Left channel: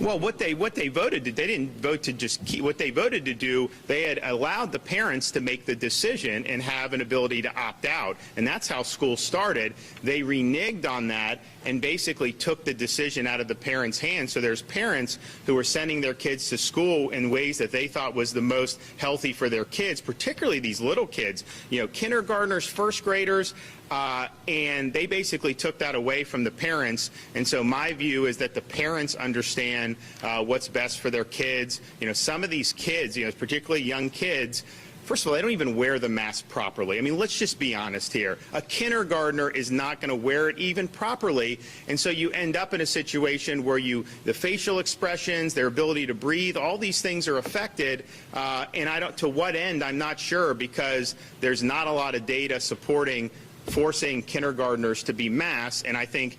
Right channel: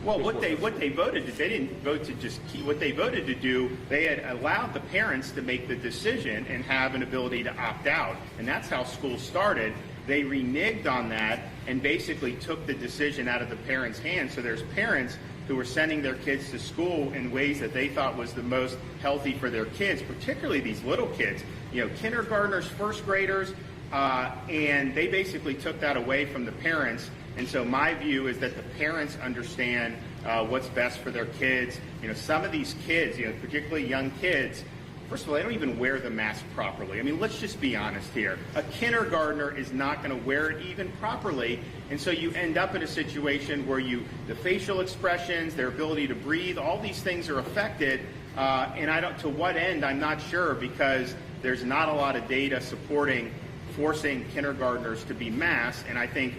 Well, what they voted, they didn't vote to just keep, what they voted to do, they had allowed the parents to make the decision and have an ability to opt out. And that's how school started. They reneged on that and basically took the decision out of the parents' hands. So there's parents who were sending their kids to school in ways that they thought was the most healthy for their kids, particularly these little kids, you know, kindergartners, first graders, and they basically took that away from the parents. And so my view is that the parents understand what's best for their kids. You know, some of these kids, you know, particularly young kids, first of all, they don't even wear the mask properly. I mean, let's just be honest here. A kindergartner is not going to wear it even properly, and so you end up in a situation where the facial expressions, their ability to breathe, all these things are affected, and to what end, I'm not sure, because there's not a lot of data supporting forcing kindergartners to be masked, and I think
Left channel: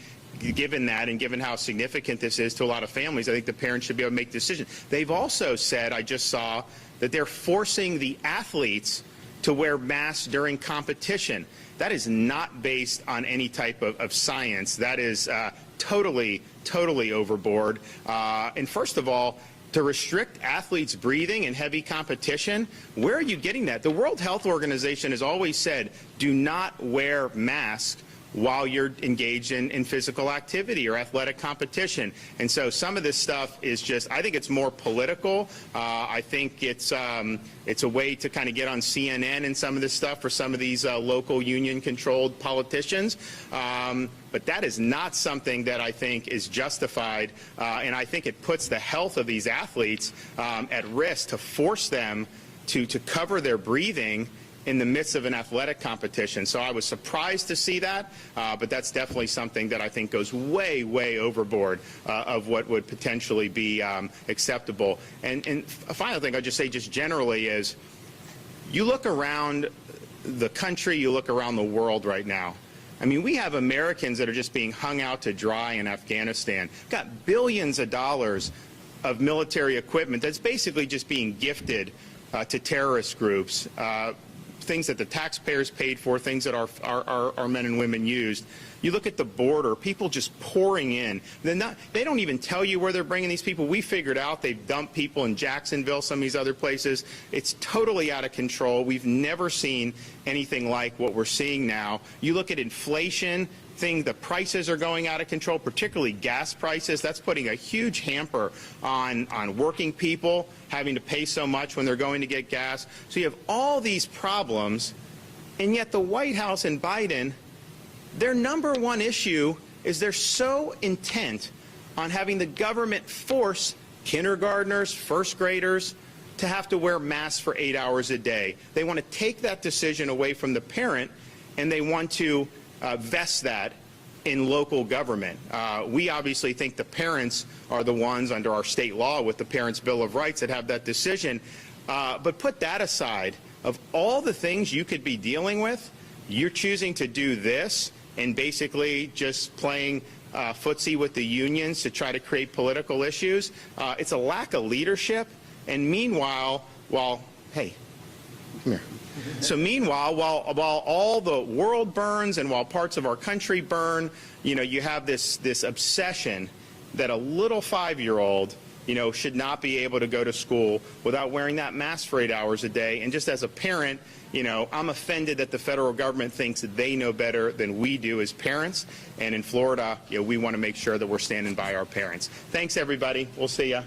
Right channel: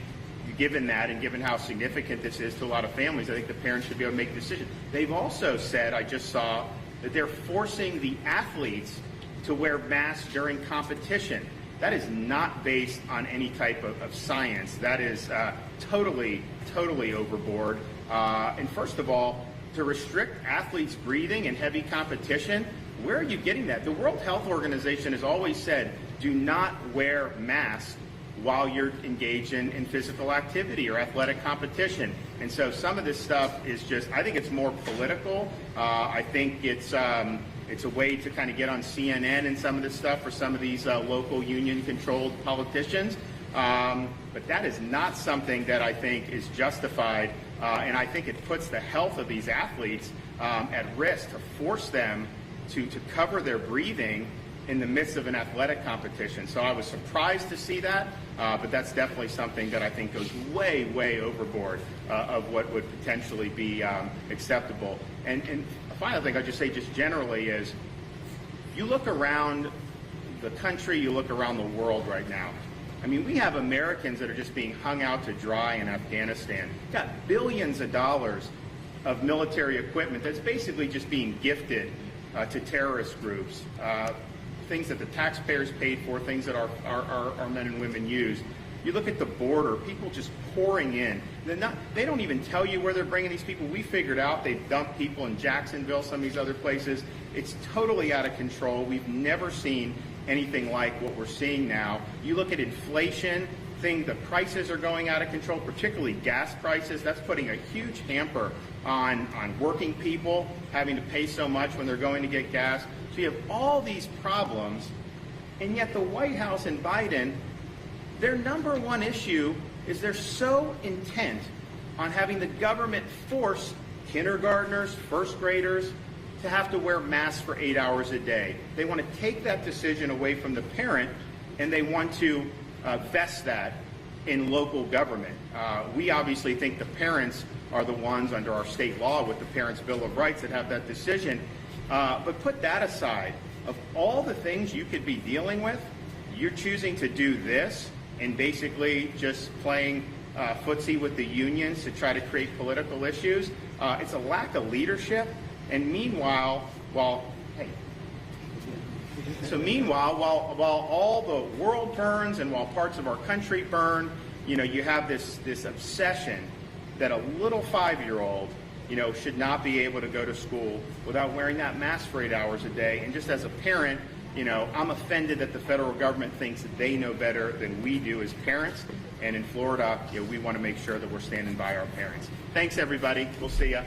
given that and given how significant this is to a lot of families, I think the parents should be able to make a decision. They've also said, I just saw, that they're forcing the athletes to wear masks during competition. That is not based on any type of science. That is totally overboard. And first of all, to restrict athletes' breathing in heavy competition, where are you getting that? The World Health Organization has always said, do not wear masks while you're engaged in physical activity or athletic competition. And so some of this stuff is just, I think it's more political. I think it's a way to kind of get on CNN and some of this stuff for some of these local union-controlled politicians. But that is not something that I think is justified, and I think it puts the health of these athletes at risk to force them to cover their breathing in the midst of an athletic competition. So I was surprised to see that, but that's definitely something that I think goes way overboard of what would potentially be acceptable. And a final thing I'll just say just generally is, you look around the country, you look around the world right now. I mean, we have Americans that are just being hung out to dry in Afghanistan. Got billions of dollars of military equipment that's basically just being gifted to terrorist groups. Things that the taxpayers paid for, things that our men and women used. You look at the border, people just pouring in. They don't even tell you where they're bringing these people. We figured out they've dumped people in Jacksonville, some of these other places. It's totally out of control. We've never seen anything like what we're seeing now. You look at inflation, the prices are going out of control, particularly gas prices. That's putting a huge hamper on working people, having to pay so much when they're going to get gas. So you have all these problems, and yet the White House and Biden, their number one issue is they're so intent on having the government force kindergartners, first graders, to have to wear masks for 8 hours a day. They want to take that decision away from the parent, and they want to vest that in local government. We obviously think the parents are the ones under our state law with the Parents' Bill of Rights that have that decision. But put that aside, of all the things you could be dealing with, you're choosing to do this and basically just playing footsie with the unions to try to create political issues. It's a lack of leadership. And meanwhile, hey, come here. So meanwhile, while all the world burns and while parts of our country burn, you know, you have this obsession that a little 5-year-old, you know, should not be able to go to school without wearing that mask for 8 hours a day. And just as a parent, you know, I'm offended that the federal government thinks that they know better than we do as parents. And in Florida, you know, we want to make sure that we're standing by our parents. Thanks, everybody. We'll see ya.